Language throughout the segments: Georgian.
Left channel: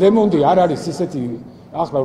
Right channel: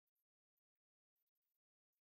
ლემონდი არ არის ისეთი ახლა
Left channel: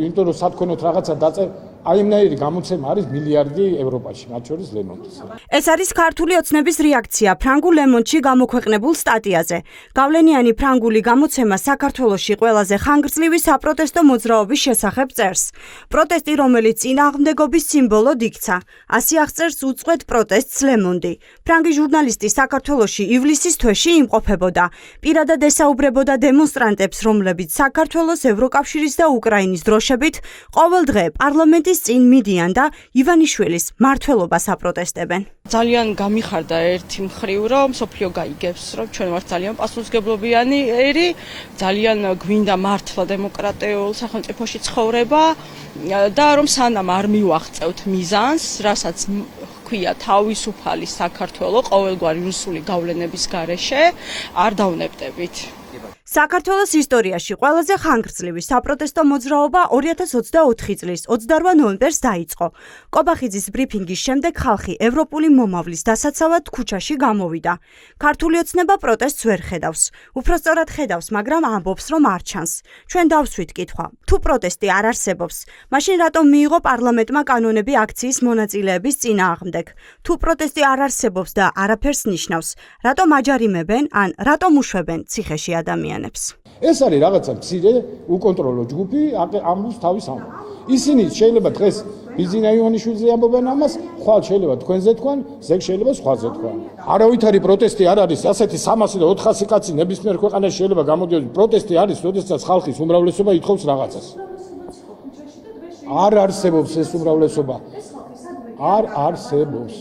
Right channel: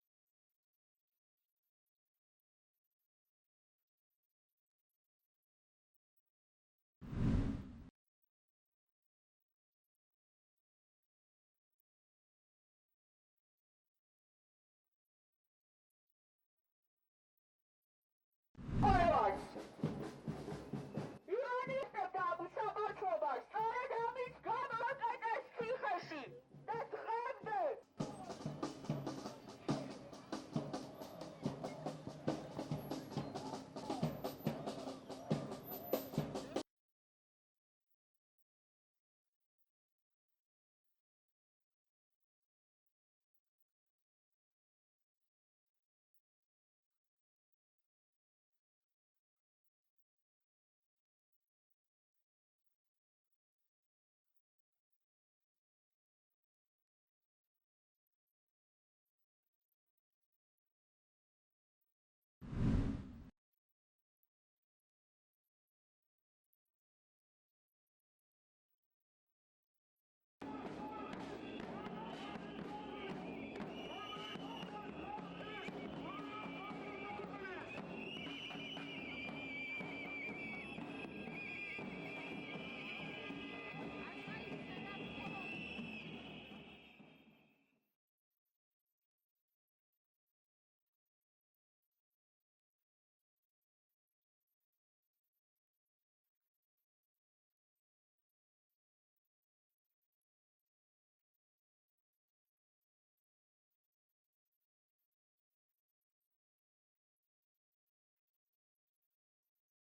იმიტომ რომ სათქონოთ რაღაცა დაწერ აი ამნაირი გამოცემა არის მილიარდი ევროპაში, მათ შორის ლემონდის. ეს არის ქართული ოცნების რეაქცია ფრანგულ ლემონდში გამოქვეყნებულ სტატიაზე. გავლენიანი ფრანგული გამოცემა საქართველოში ყველაზე ხანგრძლივი საპროტესტო მოძრაობის შესახებ წერს. პროტესტი, რომელიც წინააღმდეგობის სიმბოლოდ იქცა. ასე აღწერს უწყვეტ პროტესტს ლემონდი. ფრანგი ჟურნალისტი საქართველოში ივლისის თვეში იმყოფებოდა. პირადად ესაუბრებოდა დემონსტრანტებს, რომლებიც საქართველოს, ევროკავშირის და უკრაინის დროშებით ყოველ დღე პარლამენტის წინ მიდიან და ივანიშვილის მმართველობას აპროტესტებენ. ძალიან გამიხარდა ერთი მხრივ, რომ მსოფლიო გაიგებს, რომ ჩვენ ვართ ძალიან პასუხისმგებლობიანი ერი, ძალიან გვინდა მართლა დემოკრატიულ სახელმწიფოში ცხოვრება და რომ სანამ არ მივაღწევთ მიზანს, რასაც ქვია თავისუფალი საქართველო ყოველგვარი რუსული გავლენების გარეშე, არ დავნებდებით. საქართველოს ისტორიაში ყველაზე ხანგრძლივი საპროტესტო მოძრაობა 2024 წლის 28 ნოემბერს დაიწყო. კობახიძის ბრიფინგის შემდეგ ხალხი ევროპული მომავლის დასაცავად ქუჩაში გამოვიდა. ქართული ოცნება პროტესტს ვერ ხედავს. უпростоრად ხედავს, მაგრამ ამბობს, რომ არ ჩანს. ჩვენ დავსვით კითხვა, თუ პროტესტი არ არსებობს, მაშინ რატომ მიიღო პარლამენტმა კანონები აქციის მონაწილეების წინააღმდეგ? თუ პროტესტი არ არსებობს და არაფერს ნიშნავს, რატომ აჯარიმებენ ან რატომ უშვებენ ციხეში ადამიანებს? ეს არის რაღაცა მცირე უკონტროლო ჯგუფი, ამბობს თავის ამბავს. ისინი შეიძლება დღეს ბიზინა ივანიშვილზე ამბობენ ამას, ხვალ შეიძლება თქვენზე თქვან, ზეგ შეიძლება სხვაზე თქვან. არავითარი პროტესტი არ არის, ასეთი 300 და 400 კაცი ნებისმიერ ქვეყანაში შეიძლება გამოდიოდეს. პროტესტი არის, როდესაც ხალხის უმრავლესობა ითხოვს რაღაცას. არ არსებობს ეს უმრავლესობა. არ არსებობს.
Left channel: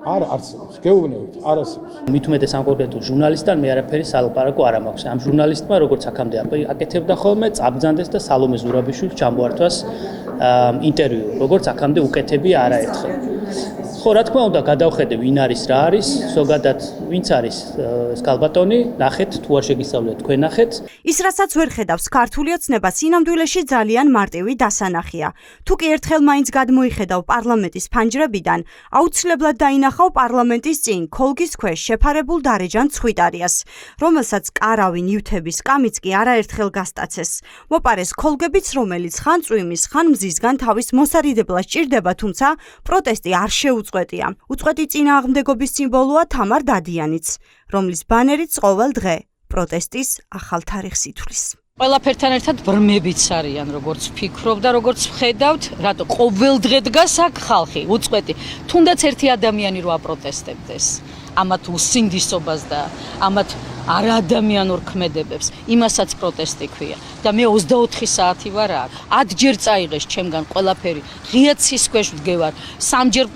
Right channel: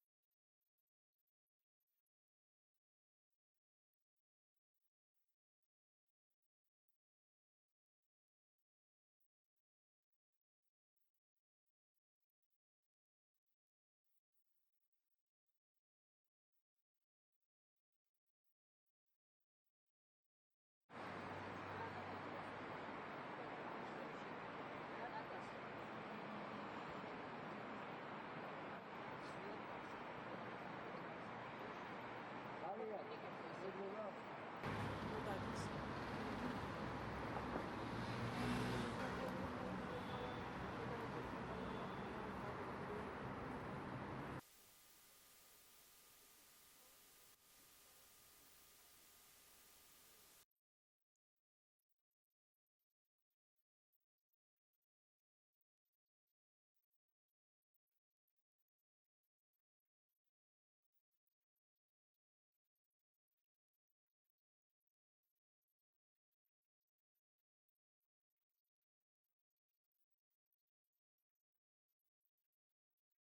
არ არსებობს. გეუბნებით, არ არსებობს. მით უმეტეს ამ კონკრეტულ ჟურნალისტთან მე არაფერი სალაპარაკო არ მაქვს. ამ ჟურნალისტმა როგორც აქამდე აკეთებდა ხოლმე, წაბძანდეს და სალომე ზურაბიშვილს ჩამოართვას ინტერვიუ, როგორც აქამდე უკეთებია არაერთხელ. ხო, რა თქმა უნდა, გადავხედე ვინ არის, რა არის, ზოგადად ვინც არის ეს ქალბატონი, ნახეთ, თუ არ შეგისწავლეთ, თქვენ ნახეთ. ის, რასაც ვერ ხედავს ქართული ოცნება, სინამდვილეში ძალიან მარტივი დასანახია. თუ კი ერთხელ მაინც გადმოიხედავ პარლამენტის ფანჯრებიდან, აუცილებლად დაინახავ პარლამენტის წინ ქოლგის ქვეშ შეფარებულ დარეჯან ცხვიტარიას, რომელსაც კარავი ნივთების კამიც კი არაერთხელ გასტაცეს. მოპარეს ქოლგებიც, რომელიც ხან წვიმის, ხან მზისგან თავის მოსარიდებლად ჭირდება, თუმცა პროტესტი არ შეუწყვეტია. უწყვეტი წინააღმდეგობის სიმბოლოა თამარ დადიანიც, რომლის ბანერიც ყოველ დღე პროტესტის ახალ თარიღს ითვლის. ყველაფერთან ერთად ბრმებიც არიან, როგორც ვფიქრობ და როგორც ვხედავთ, რატო ყოველ დღე დგას აქ ხალხი, უწყვეტი. თუნდაც ერთი ადამიანი რო აპროტესტებდეს, ამათ უსინდისობას და ამათ არაადამიანურ ქმედებებს, იმასაც პროტესტი ქვია. და მე 24 საათი ვარ აქ. 10 ჯერ წაიღეს ჩემგან ყველაფერი. ღია ცის ქვეშ ვდგევარ. 3 ჯერ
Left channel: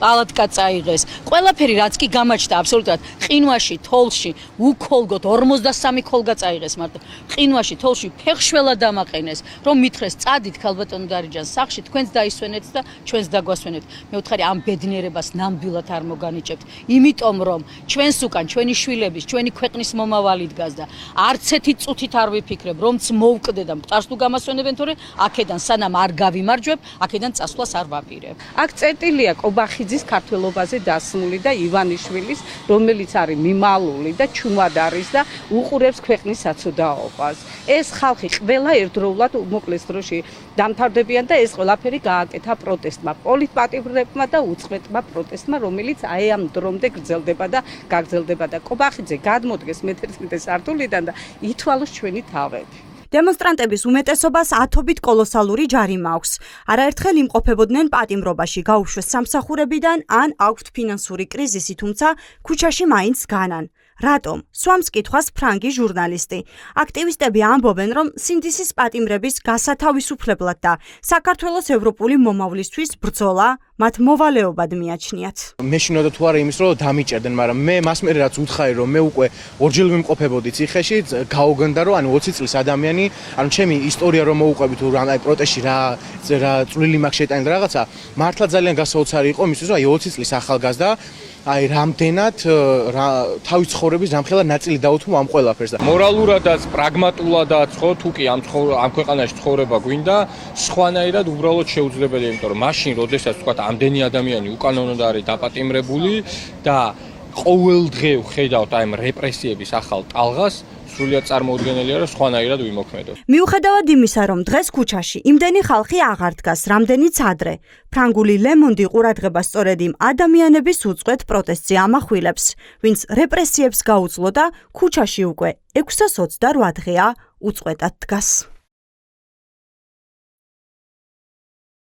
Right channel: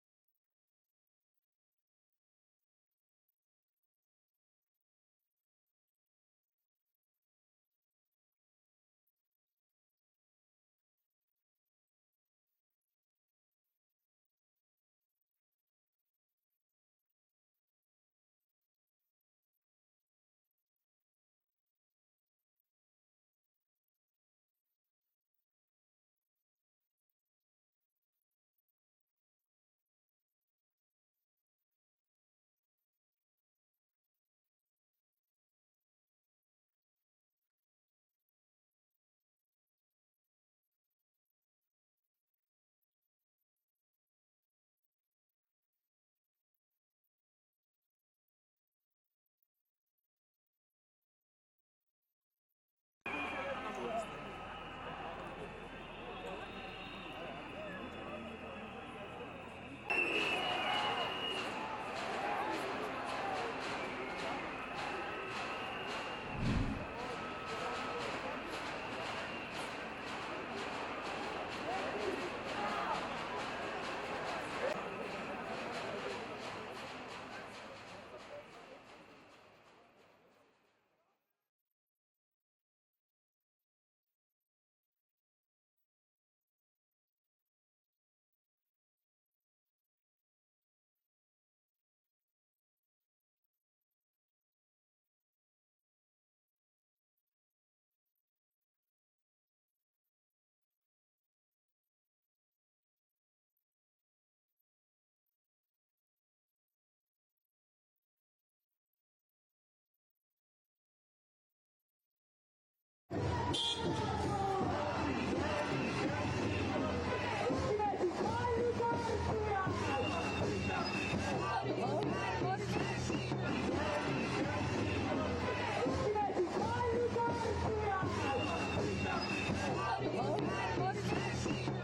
პალატკა წაიღეს. ყველაფერი რაც კი გამაჩნდა აბსოლუტურად ყინვაში, თოლში, უკოლგოთ 43 ქოლგა წაიღეს მარტო. ყინვაში, თოლში ფეხშველა დამაყენეს, რომ მითხრეს წადით ქალბატონო დარეჯანს სახში, თქვენს დაისვენეთ და ჩვენს დაგვასვენეთ. მე ვთხარი ამ ბედნიერებას ნამდვილად არ მოგანიჭებთ. იმიტომ რომ ჩვენს უკან ჩვენი შვილების, ჩვენი ქვეყნის მომავალი დგას და არც ერთი წუთით არ ვიფიქრებ, რომც მოვკვდე და მყარს თუ გამასვენებენ, თორე აქედან სანამ არ გავიმარჯვებ, აქედან წასვლას არ ვაპირებ. აქ წერტილია კობახიძის ქართველობაზე დასმული და ივანიშვილის, რომელიც არის მიმალული და ჩუმად არის და უყურებს ქვეყნის საცოდაობას. ეს ხალხი ყველა ერთდროულად უმოკლეს დროში დამთავრდებიან და ეს ყველაფერი გააკეთა პროტესტმა, პოლიტპატიმრებმა და უწყვეტმა პროტესტმა, რომელიც აი ამ დრომდე გრძელდება და გაგრძელდება და კობახიძე გადმოდგეს მე-11 სართულიდან და ითვალოს ჩვენი თავები. დემონსტრანტების უმეტესობას ათობით კოლოსალური ჯარიმა აქვს. არაერთხელ იმყოფებოდნენ პატიმრობაში, გაუშვეს სამსახურებიდან ან აქვთ ფინანსური კრიზისი, თუმცა ქუჩაში მაინც განან. რატომ? სვამს კითხვას ფრანგი ჟურნალისტი. აქტივისტები ამბობენ, რომ სინდისის პატიმრების გასათავისუფლებლად და საქართველოს ევროპული მომავლისთვის ბრძოლა მათ მოვალეობად მიაჩნიათ. მე შინოდა თუ არა იმის, რომ დამიჭერდნენ, მაგრამ მე მას მერე რაც უთხარი, რომ მე უკვე ორჯერ ვიმყოფებოდი ციხეში, გაუგონდა, რომ ანუ 20 წლის ადამიანი, ანუ ჩემი ისტორია რომ მოუყვები თუ აი პროტესტში რა წვლილი მაქვს შეტანილი რაღაცა, მართლა ძალიან გასაოცარი იყო იმისთვის, რომ აი 20 წლის ახალგაზრდა აი რამდენად თავის ცხოვრების რამხელა ნაწილი დაუთმო ამ ყველაფერს და მორალურადაც, პრაგმატულადაც ხო თუ კი ამ ქვეყანაში ცხოვრება გვინდა, სხვანაირად უბრალოდ შეუძლებელია, იმიტომ რომ მაშინ, როდესაც თქვა ამდენი ადამიანი უკანონოდ არის დაპატიმრებული და ყოველ დღე ვხედავთ აი ამ რეპრესიების ახალ ტალღას, სრულიად წარმოუდგენელია, რომ სხვანაირად ვიმოქმედოთ. მიუხედავად იმისა, რომ დღეს ქუჩაში იმდენი ხალხი აღარ დგას, რამდენიც ადრე, ფრანგული ლემონდი ყურადღებას სწორედ იმ ადამიანების უწყვეტ პროტესტზე ამახვილებს, ვინც რეპრესიებს გაუძლო და ქუჩაში უკვე 628 დღეა უწყვეტად დგას.